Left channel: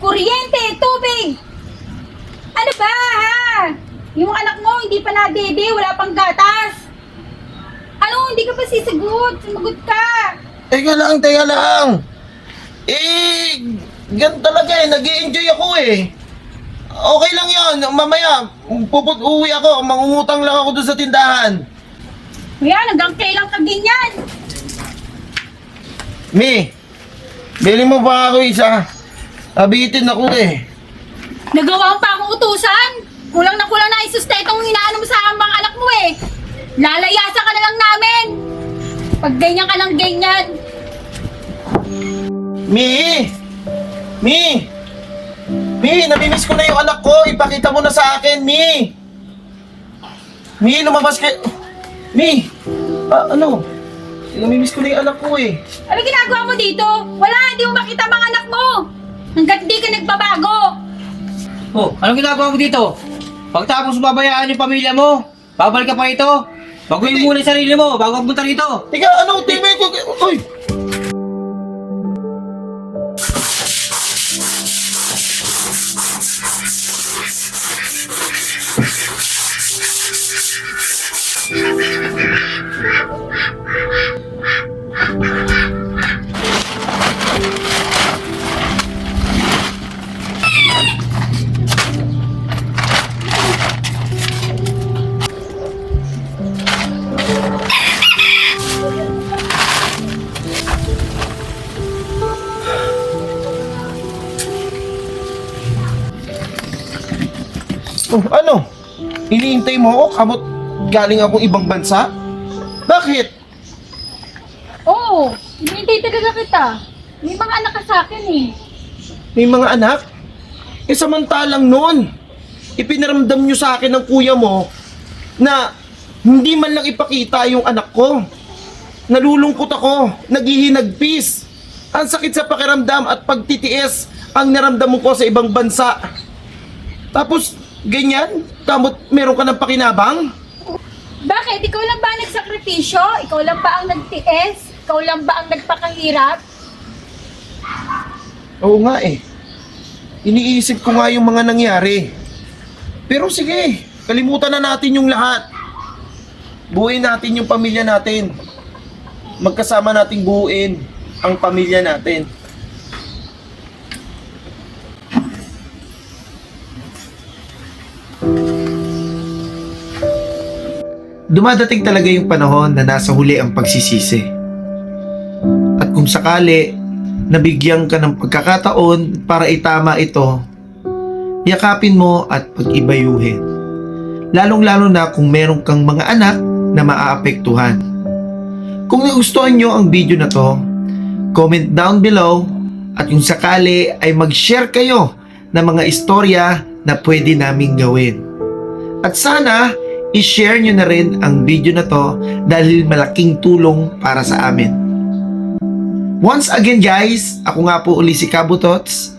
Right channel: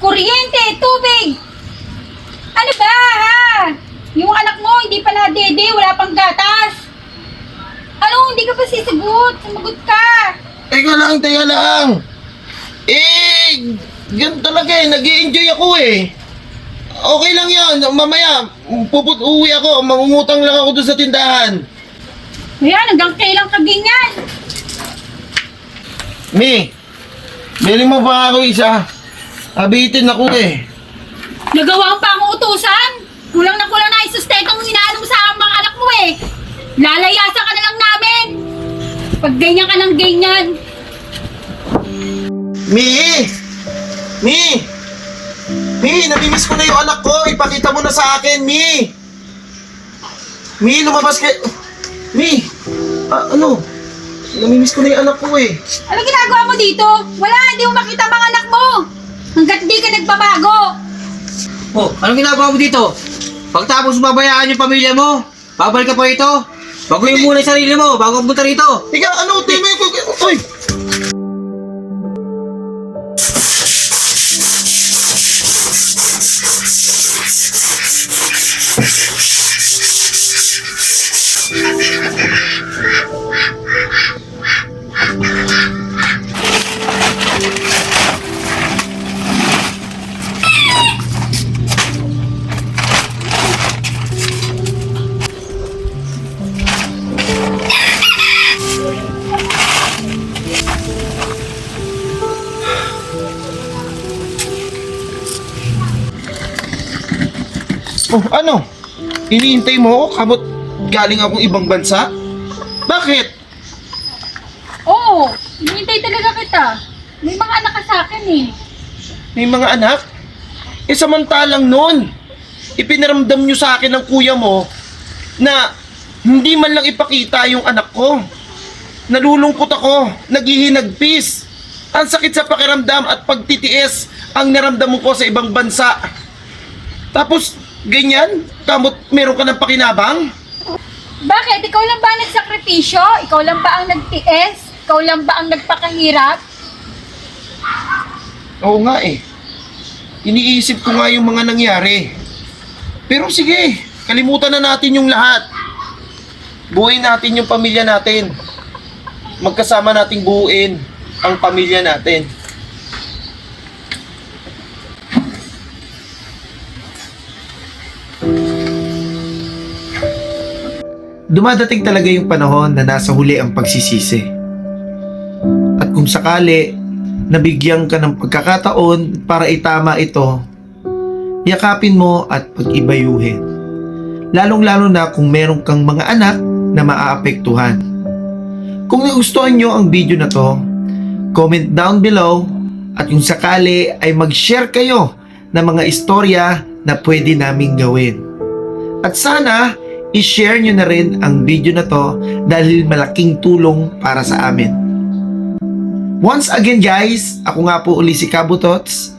kuryente, tubig. Ano ba, ha? Yung anak mo, hindi pa nadede, wala pang gatas. Ano, hindi ka pa sisigot? Sumagot ka. Teka lang. Eh, ganun talaga eh. Nag-i-enjoy ako eh. Okay lang yan. Mamaya, uwi ako. Mangungutang lang ako doon sa tindahan. Ayan, hanggang kailan ka ganyan? Mi, bili mo ba ako isa? Abitin ako eh. Nagawa pa ang utusan? Kulang na isustekang inaano mo sa mga anak mo eh. Lalayasan ka na lang namin. Pag ganyan ka ng ganyan. Mi, namimiss ko na yung anak ko. Ipakita mo na sa akin, Mi. Mi, lumabas ka. Mi, ano? Namimiss ko na yung anak ko eh. Ano ginagawa mo dito? Wala, hindi mo makita mga anak mo. Hanggat di ka nagbabago. Oh, anong ginagawa mo dito? Pagtapos babayaan yung pamilya mo, babalik ka pa ito. Baguhin muna yung sarili mo bago pumunta rito. Teka, ano? Timi ko. Uy! Oh, ano? Iniintay mo ako? Kamot galing ako ibang bansa? Bakit? Oo, hinihintay talaga kita. May mga anak ka sa akin eh. May mga anak? Eh samantalang noon, ipinaramdam nyo sa akin ng kuya mo na hindi man lang ipakita yung anak ko. Nalulungkot ako, naghihinagpis. Ang sakit sa pakiramdam at pagtitiis ang naramdaman ko sa ibang bansa. Tapos, ganyan? Kamot meron ka ng pakinabang? Bakit? Ikaw lang ba ang nagsakripisyo? Ikaw lang ba ang nagtiis? Ikaw lang ba ang nagpakahirap? Oo nga eh. Iniisip ko nga yung mga nangyari. Pero sige, kalimutan na natin yung lahat. Buuin natin yung pamilya natin. Magkasama nating buuin ang pamilya natin. Dumadating talaga yung panahon na nasa huli ang pagsisisi. At kung sakali, nabigyan ka ng pagkakataon para itama ito, yakapin mo at pag-ibayuhin. Lalong-lalo na kung meron kang mga anak na maaapektuhan. Kung nagustuhan nyo ang video na to, comment down below at kung sakali ay mag-share kayo ng mga istorya na pwede naming gawin. At sana, i-share nyo na rin ang video na to dahil malaking tulong para sa amin. Once again guys, ako nga po uli si Kabutots